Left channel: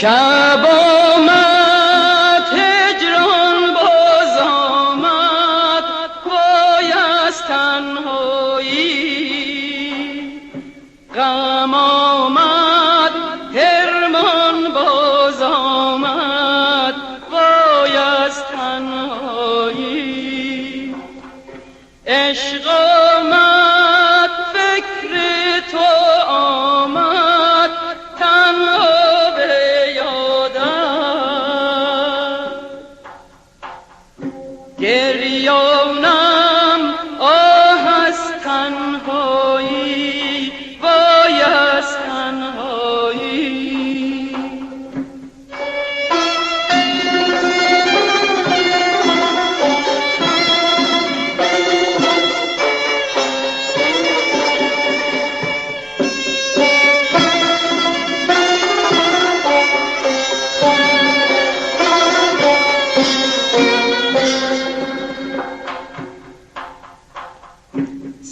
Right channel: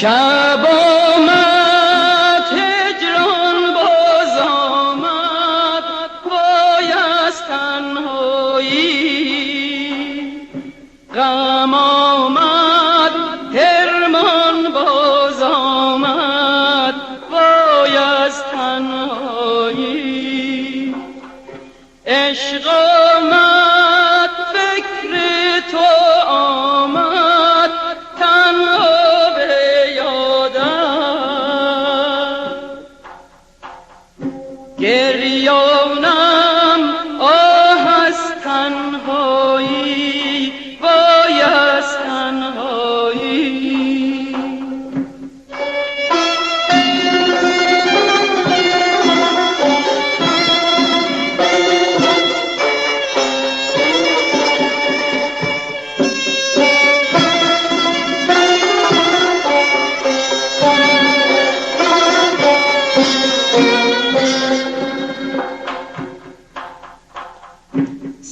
شب آمد هجران باز آمد پای از تنهایی غم آمد حرمان باز آمد پای از تنهایی عشق آمد فکر تو آمد تنها گریانم آه از تنهایی وای از تنهایی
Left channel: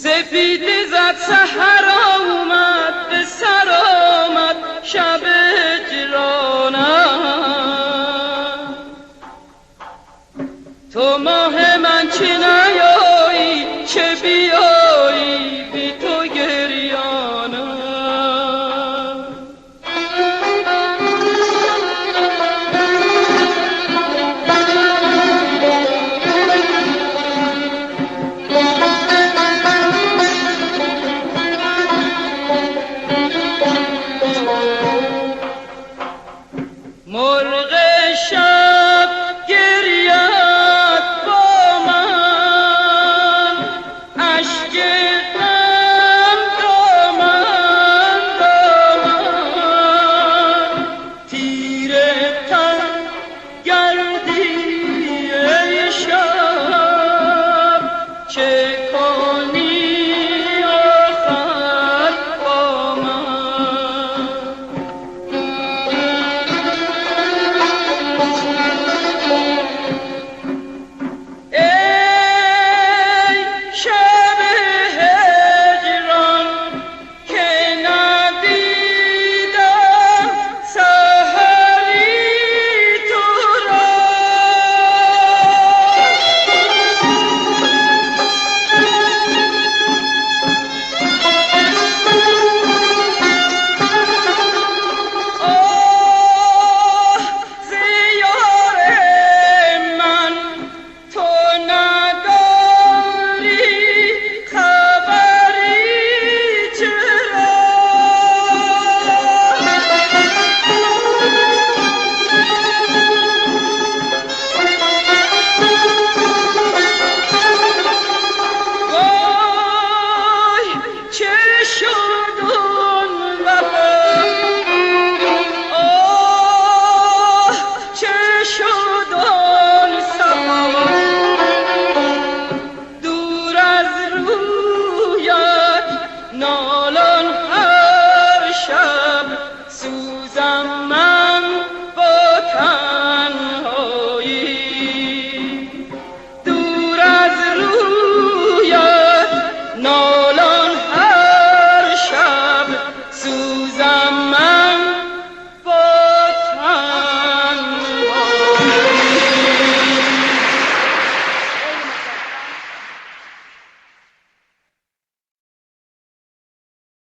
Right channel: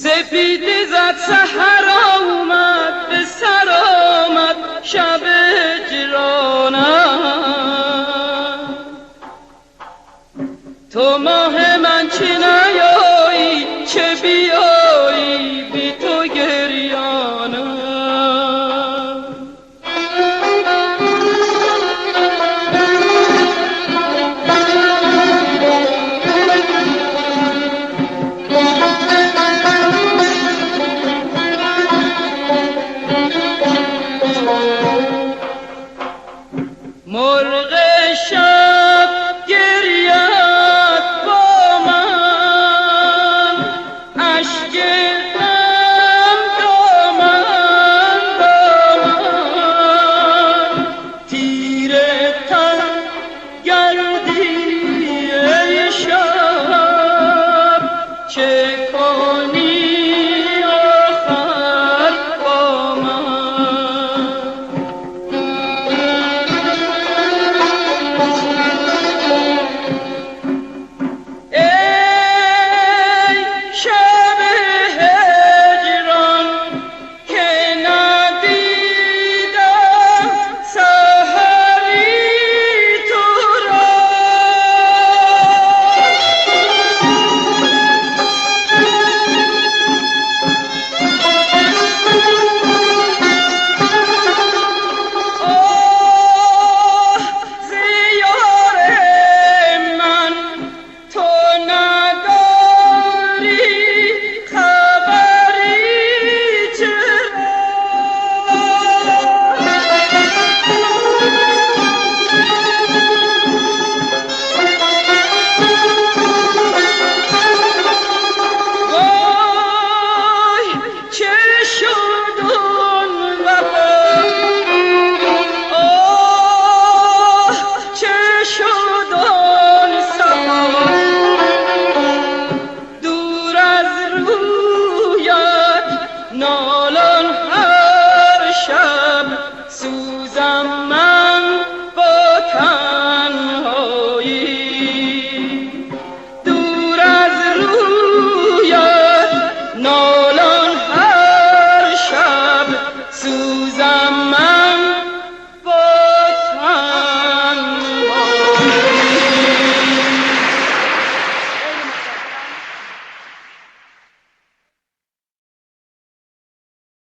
سپیده زد سحر آمد به سر آمد شب هجرانم تو ماه من چه نیایی چه بیایی بی تو گریانم مرغ شب گریت با من اشک غم دامن دامن تیره تن گردی ای شب چه کنی آخر با من show